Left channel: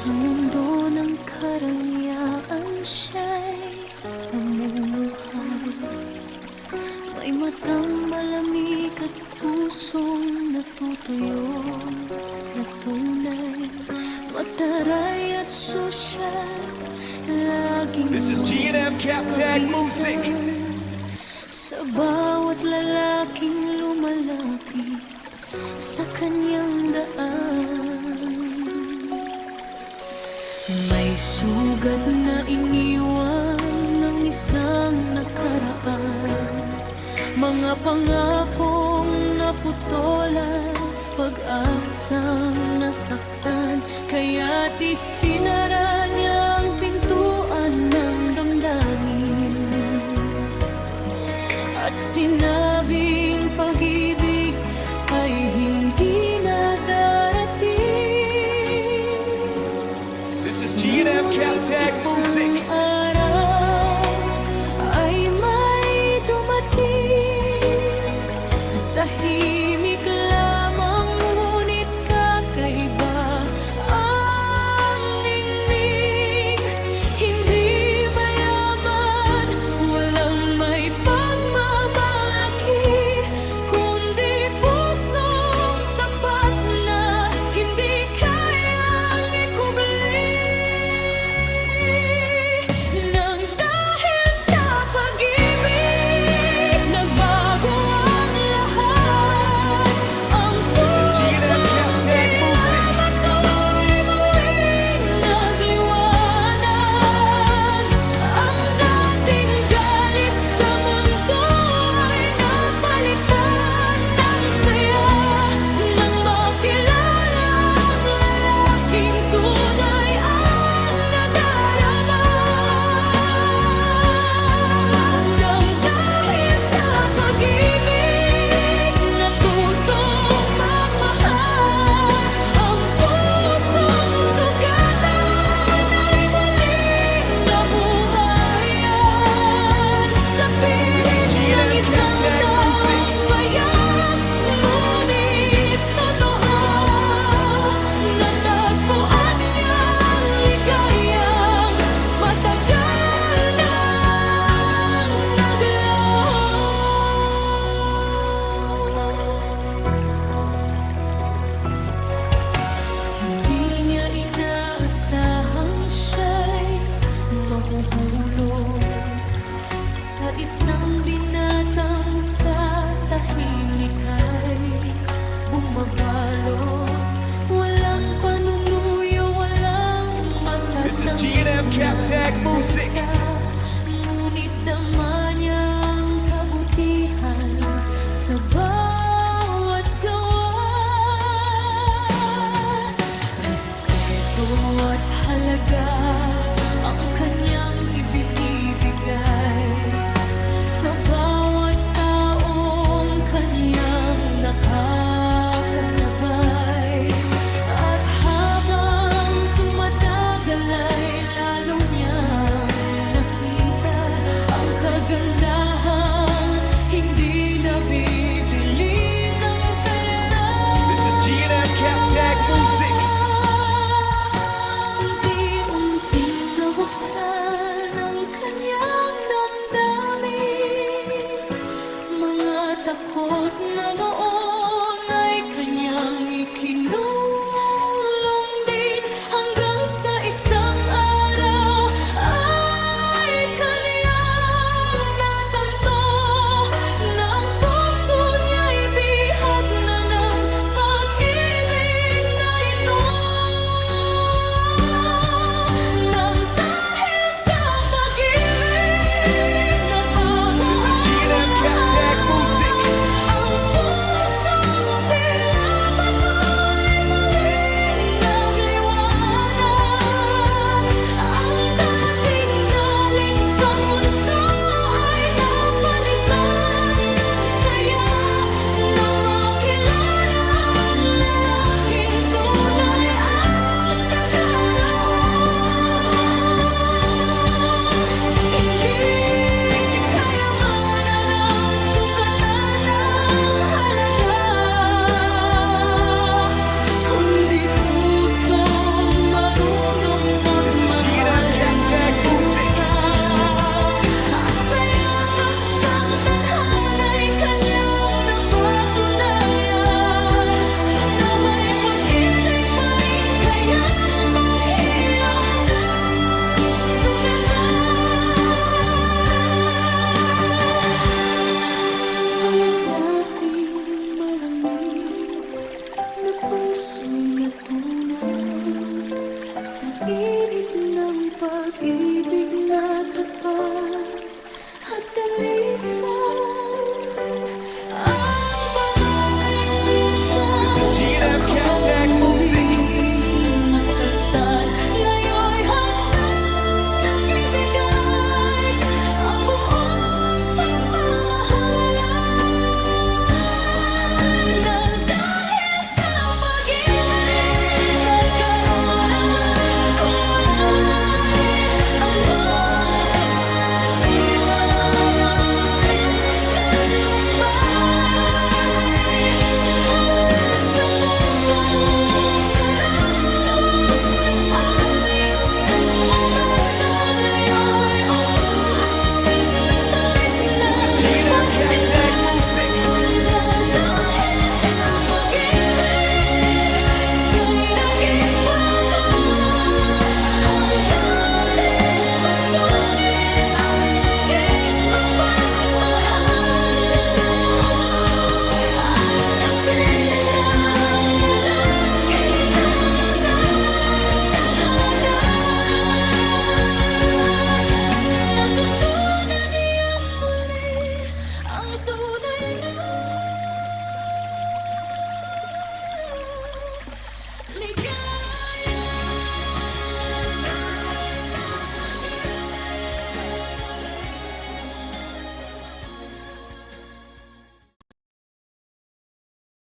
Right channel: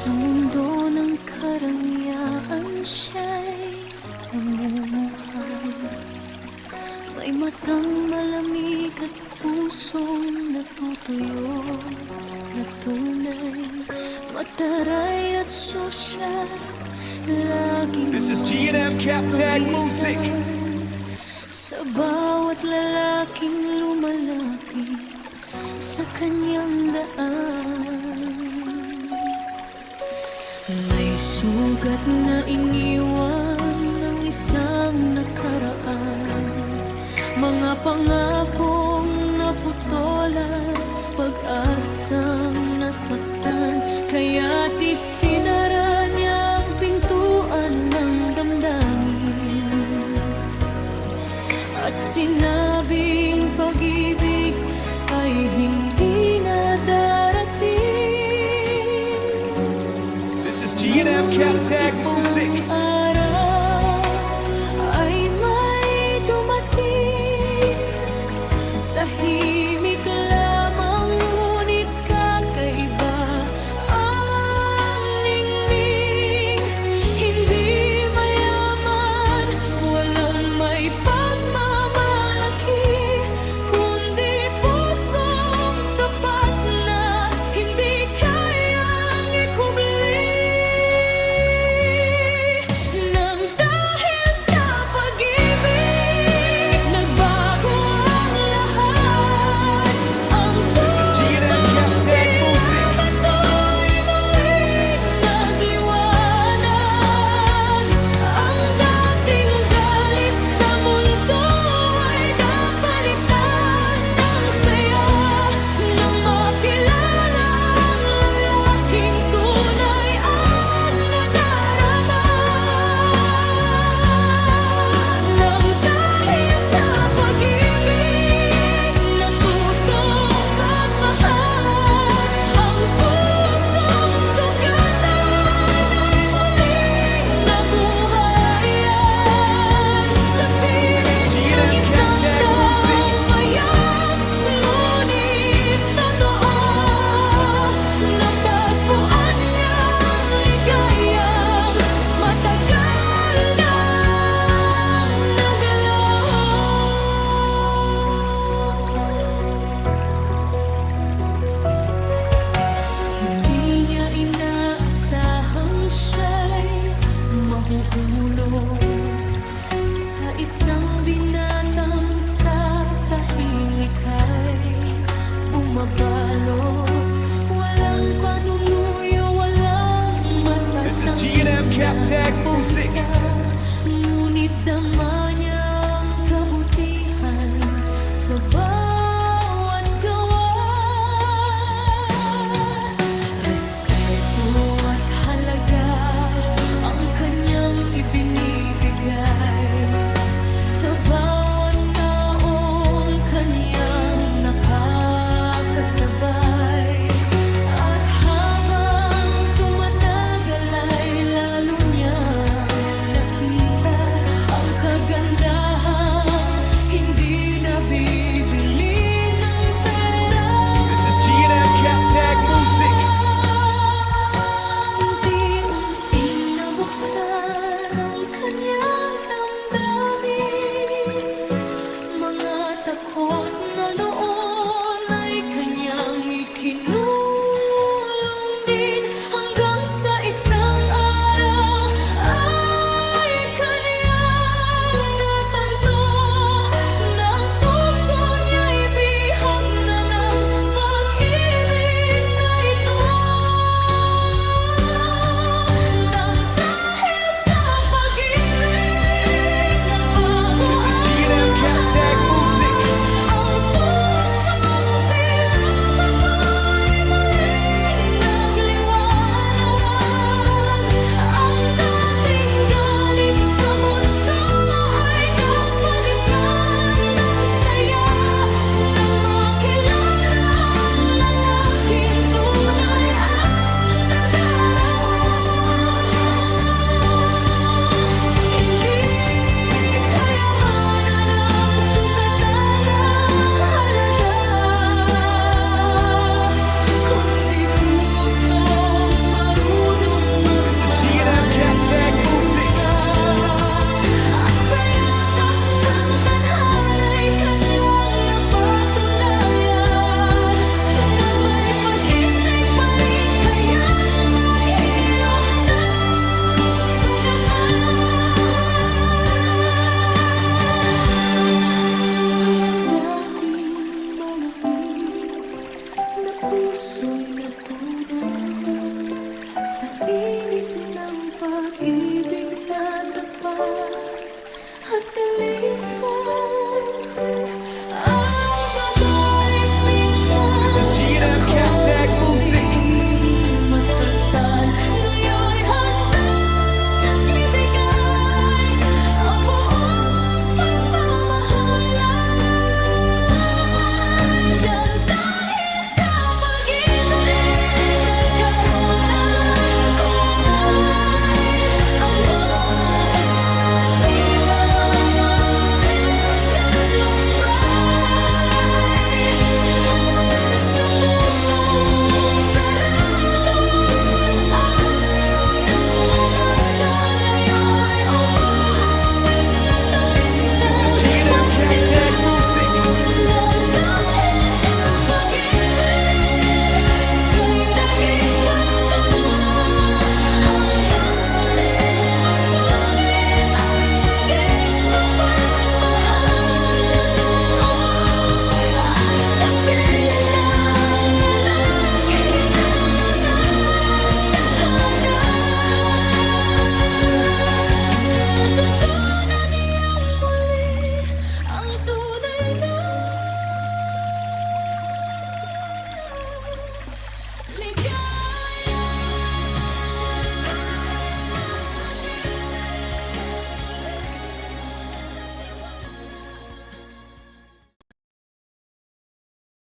Sa mundo ng karangyaan siya'y namumuhay. May matang malamig at pusong natutuyo na tunay, mataray at sosyal, laging This is G&M Cap Tag Music. Sa bawat lalaking lumalapit sa kanyang daan, may sugat na iniwan ng isang nakaraan, mga pangakong naputolan, pag-asang nasaktan. Kaya't isinara niya ang pintuan ng damdamin at sinabing pag-ibig ay hindi na darating. This is G&M Cap Tag Music. Isang araw ay may dumating, tahimik lamang ngunit kakaiba ang ningning. Hindi mayaman, walang may pagmamalaki, kundi pusong tapat na hindi kayang ikubli. Nang dahil sa pag-ibig, nagbago ang lahat. Ang This is G&M Cap Tag Music. bato'y muling nagliwanag. Ang dating galit sa mundo ay napalitan ng saya, nang makilala ang lalaking tunay ang nadarama. Nang dahil sa pag-ibig, natutong magmahal. Ang pusong sugatan ay muling nabuhayan. Sa This is piling ng G&M Cap isang Tag Music. taong payak, ngunit totoo, natagpuan niyang ligayang matagal nang naglaho. Hindi niya inaasahang siya'y mahuhulog sa isang binatang sa tahimik ay bumabalot. Walang panunuyo, walang matatang This is G&M Cap Tag Music. ngunit dama niya ang kabutihan sa bawat gawa. Respeto at halaga ang kanyang ibinibigay sa bawat taong kanyang nakakasabay. At habang tumatagal ay lalo niyang nakita ang kagandahang hindi nabibili ng pera. This is G&M Cap Tag Music. Unti-unting nabuksan ang kanyang damdamin, mga takot na noon ay kanyang Captag Music. At sa yakap ng tadhana'y kanyang napatunayan na may pag-ibig pa rin kaya't maghilom ng sugatan. Ang dating malamig na puso'y natunaw sa init ng pag-ibig na tapat at dalisan. Ang babaeng minsan This is G&M Captag Music. muling masaktan, ngayon'y handang ibigay ang buong pagmamahalan. Nang dahil sa pag-ibig, nagkaroon ng kulay ang mundo, di puno ng higit at lumbay. Mula sa pusong sarado at ayaw ng umasa, ngayon'y umaawit ng tamis na This is G&M Captag Music.